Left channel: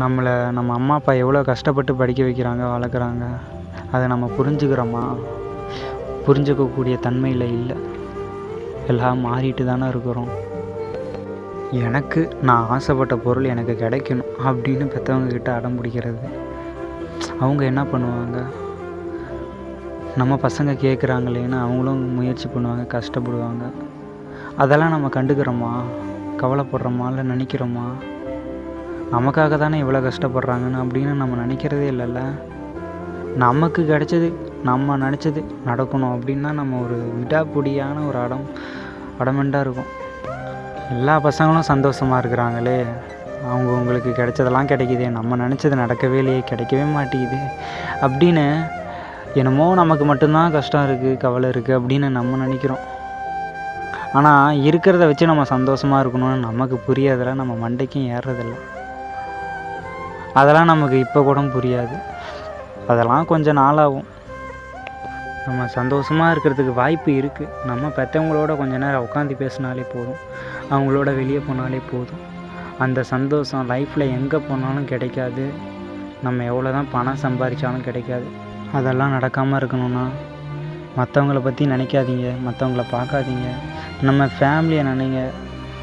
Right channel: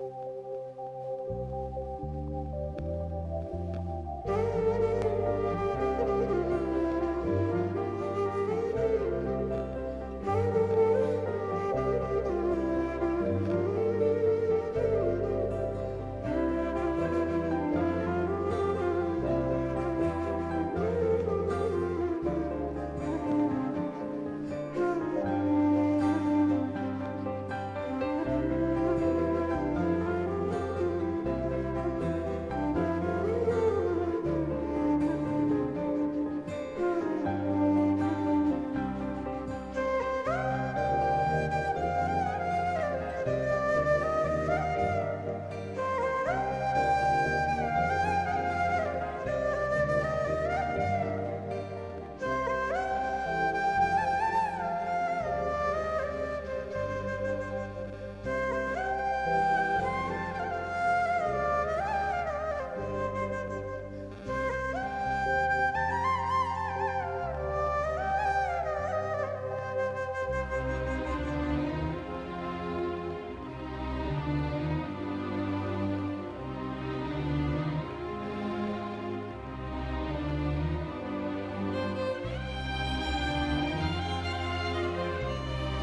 நம்ம அம்மா அப்பா எவ்வளோ கஷ்டப்பட்டு படிக்க வைக்கிறாங்க, வளர்க்குறாங்க. அதை நம்ம புரிஞ்சுக்கிறோமா? புரிஞ்சுக்கக்கூடிய தன்மையில் இல்லை. எல்லாம் மாறிட்டு தானே இருக்கிறோம். நான் ஆசைப்பட்ட பொருள் எனக்கு கிடைக்கணும் அப்படின்னு பெற்றவங்கக்கிட்ட அடம் பிடிக்கிறது. அவங்க என்ன பண்ணுவாங்க? நம்ம பசங்க கேட்குறாங்களேன்னு அவங்களும் முயற்சி பண்ணுவாங்க, கஷ்டப்படுவாங்க. அதெல்லாம் நம்ம கண்டுக்கிறோமா? கவலைப்படுறோமா? இல்லை நினைக்கிறோமா? நமக்காக தானே இவ்வளோ கஷ்டப்படுறாங்கன்னு அப்படின்னு நம்ம நினைக்கிறதே இல்லைல்ல. நமக்கு கிடைச்சது, நம்ம நினச்சது நடக்கணும் அப்படின்னா நம்ம ஒரு விடாப்பிடியான ஒரு அடமெண்டாக இருக்கும். எல்லா பசங்களும் சந்தோஷமாக இருக்கிறாங்களே, அவங்களுக்கு கிடைச்சதெல்லாம் கிடைக்கிதே, நம்ம நினச்சது நடக்கவே இல்லையே, கிடைக்கவே மாட்டேங்குது அப்படின்னு என்னமோ நமக்கு மட்டும்தான் கஷ்டம் இருக்குது, கவலை இருக்குது அப்படின்னு நம்ம நினைக்கிறோம். ஆனால் இருக்கிறத வச்சு நம்ம சந்தோஷமாக இருக்கணும்னு நமக்கு புரியாதில்ல, நம்ம மண்டைக்கும் ஏறுறதில்ல. அதெல்லாம் நமக்கு இப்போ கூட புரியாது. அதெல்லாம் கொஞ்சம் நாளாகும். நம்ம சந்தோஷமாக இருக்கிறதுக்கு வாய்ப்பு இருக்குது. நம்ம பெற்றவங்களோட கொஞ்ச நேரம் உட்காந்து பேசினாலே போதும், அவங்களோட வெளியே போனாலே போதும். அந்த சந்தோஷம் லைஃப்பில் எங்கே போனாலும் கிடைக்காது. நம்ம எவ்வளோ தான் பணம் சம்பாதிச்சாலும் கிடைக்காது. அதெல்லாம் நடக்காமல் இருக்கணும்னா மற்றவங்கள பற்றி நினைக்காதீங்க, மற்றவங்கள பார்க்காதீங்க. நம்ம ஃபேமிலியை நினைங்க.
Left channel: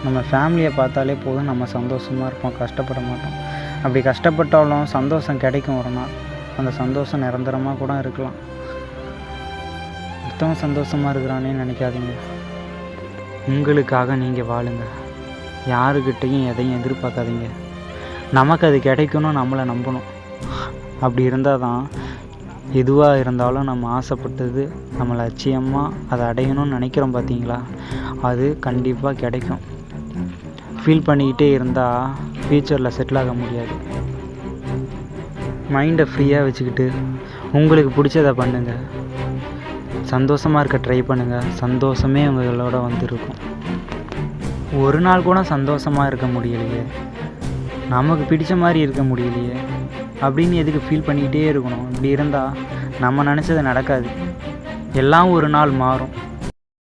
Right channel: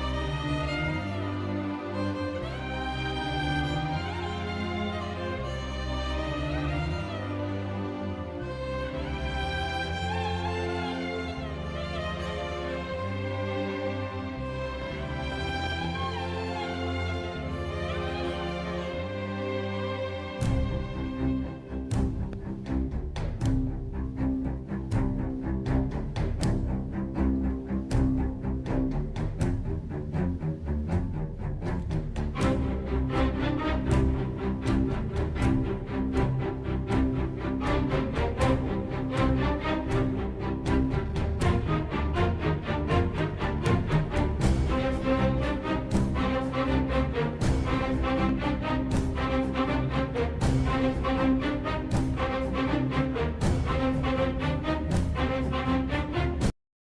நம்ம ஃபேமிலியை பார்த்தாலே போதும், நம்ம சந்தோஷமாக இருப்போம், கஷ்டப்பட மாட்டோம். அப்படி கஷ்டப்பட்டாலும் சந்தோஷம் கிடைக்கும் ஒரு நாள். அந்த சந்தோஷம் நிரந்தரமாக கூட இருக்கலாம். மற்றவங்க சந்தோஷமாக இருக்கிறானே நினைக்காதீங்க. உங்களுக்காக நீங்கள் வாழுங்க. யாருக்கிட்டையும் எதையும் எதிர்பார்க்காதீங்க. நமக்கு அது கிடைக்கணும், நம்மளை நம்பணும். அப்படி இருந்தால் தான் எதுவாக இருந்தாலும் நம்ம ஆசைப்பட்டது, நம்ம லட்சியமாக அதை அடையணும்னு நினைக்கிறோம் பார்த்தீங்களா, அது கண்டிப்பாக கிடைக்கும். ஃபீல் பண்ணிக்கிட்டே இருந்தால் ஃப்யூச்சரில் செட்டில் ஆக முடியாது. மைண்டை ஃப்ரீயாக வச்சுக்கிட்டு உங்களுக்கு பிடிச்சதை பண்ணுங்கள். சந்தோஷமாக இருக்க ட்ரை பண்ணுங்கள். சந்தோஷமே உங்களோட வந்துருக்கும். ஒரு நாள் கூட சந்தோஷமாக இருக்க முடியலையே, நமக்கு பிடிச்ச மாதிரி இருக்க முடியலையே அப்படின்னு எதுக்கு ஃபீல் பண்ணிக்கிட்டே இருக்கணும்? இப்படி இருந்தால் நம்ம நினச்சது நடக்காது. எல்லாம் ஒரு நாள் மாறும்.